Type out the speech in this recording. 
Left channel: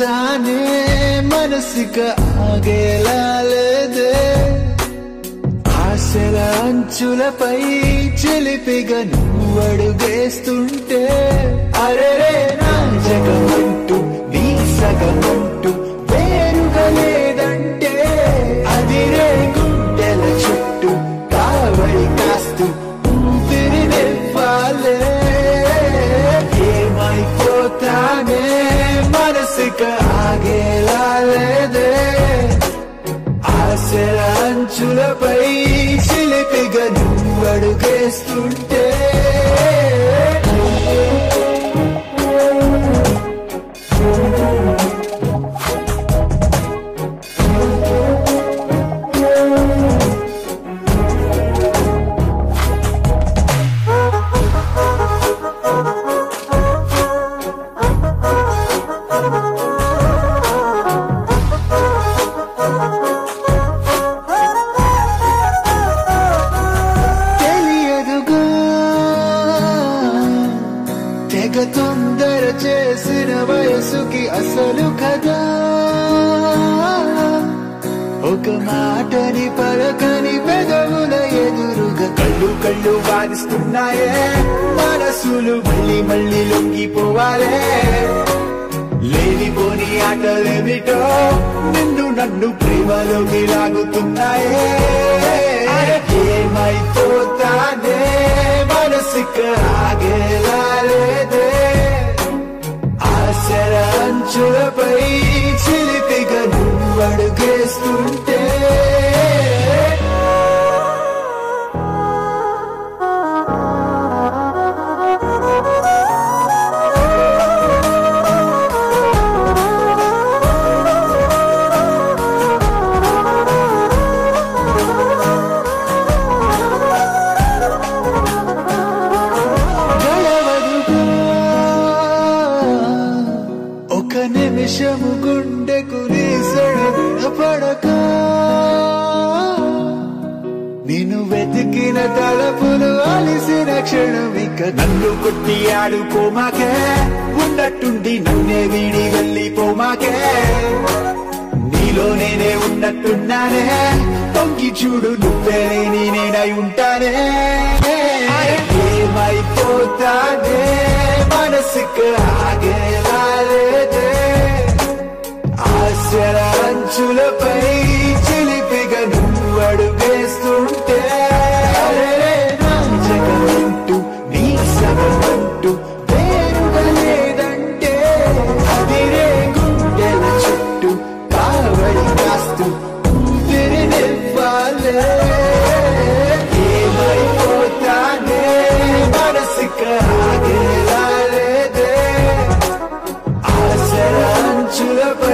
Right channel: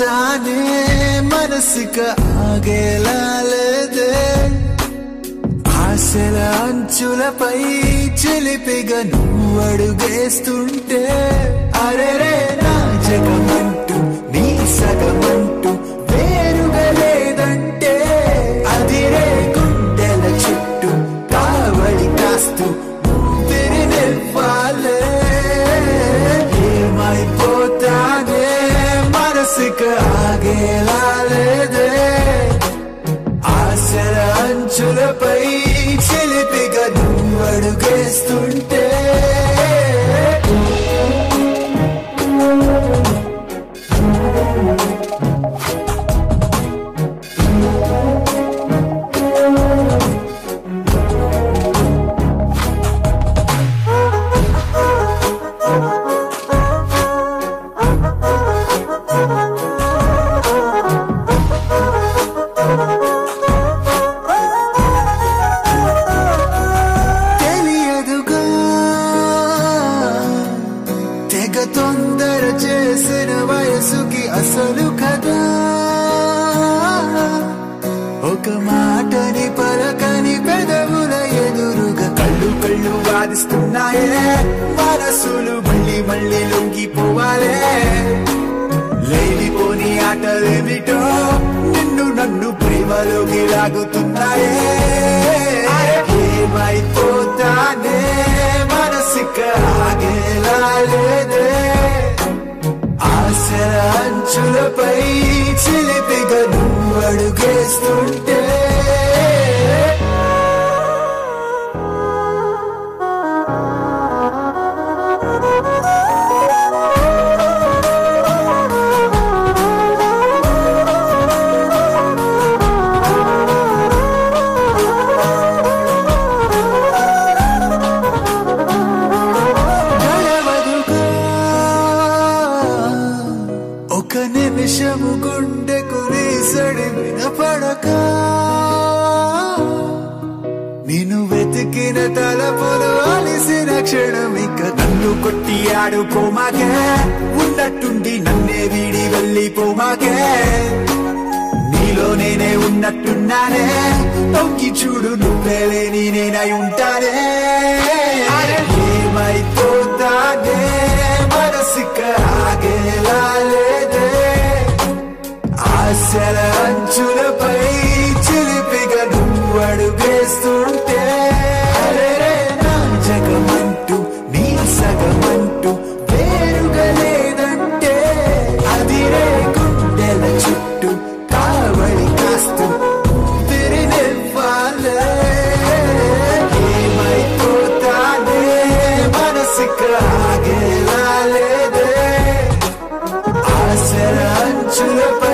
అయిపోతానే మనసుక ఆగేలా లేదే ఆశల అంచులపై చిలిపిగా నువ్వడుగేస్తుంటే అరెరే నా జగమంటూ నీ సగమంటూ వేరుగా లేదంటే అదిరే గుండెల చుట్టూ కావళి కాస్తూ ఊపిరినివ్వాలే ఏమైపోతానే మనసుక ఆగేలా లేదే ఆశల అంచులపై చిలిపిగా నువ్వడుగేస్తుంటే తెగ తొందర చేసిన వయసుకి అసలు కదా ఒక మాటని పలకని పెదవుల ఎదురుగా కళ్ళు కళ్ళు వాదిస్తున్నాయే మనసులు మళ్ళీ మళ్ళీ లొంగిపోవాలే లేనిపోని ఆటలేమిటో నిన్ను నన్ను ప్రేమలోకి లాగుతున్నాయే ఏమైపోతానే మనసుక ఆగేలా లేదే ఆశల అంచులపై చిలిపిగా నువ్వడుగేస్తుంటే ఒక నిమిషము గుండెకు నీసడి వినపడక నిన్ను వెతికిన తలపులు అలిసిన క్షణమిక నన్ను కొట్టి ఆడుకోమాకే ఉన్నట్టుండి నన్నే వీడి వెళ్ళిపోమాకే నీలో నేనే ఉన్నట్టున్నానే తొంగి చూడు నువ్వే లేని నేనై ఉంటానే ఏమైపోతానే మనసుక ఆగేలా లేదే ఆశల అంచులపై చిలిపిగా నువ్వడుగేస్తుంటే నా జగమంటూ నీ సగమంటూ వేరుగా లేదంటే అదిరే గుండెల చుట్టూ కావళి కాస్తూ ఊపిరినివ్వాలే ఏమైపోతానే మనసుక ఆగేలా లేదే ఆశల అంచులపై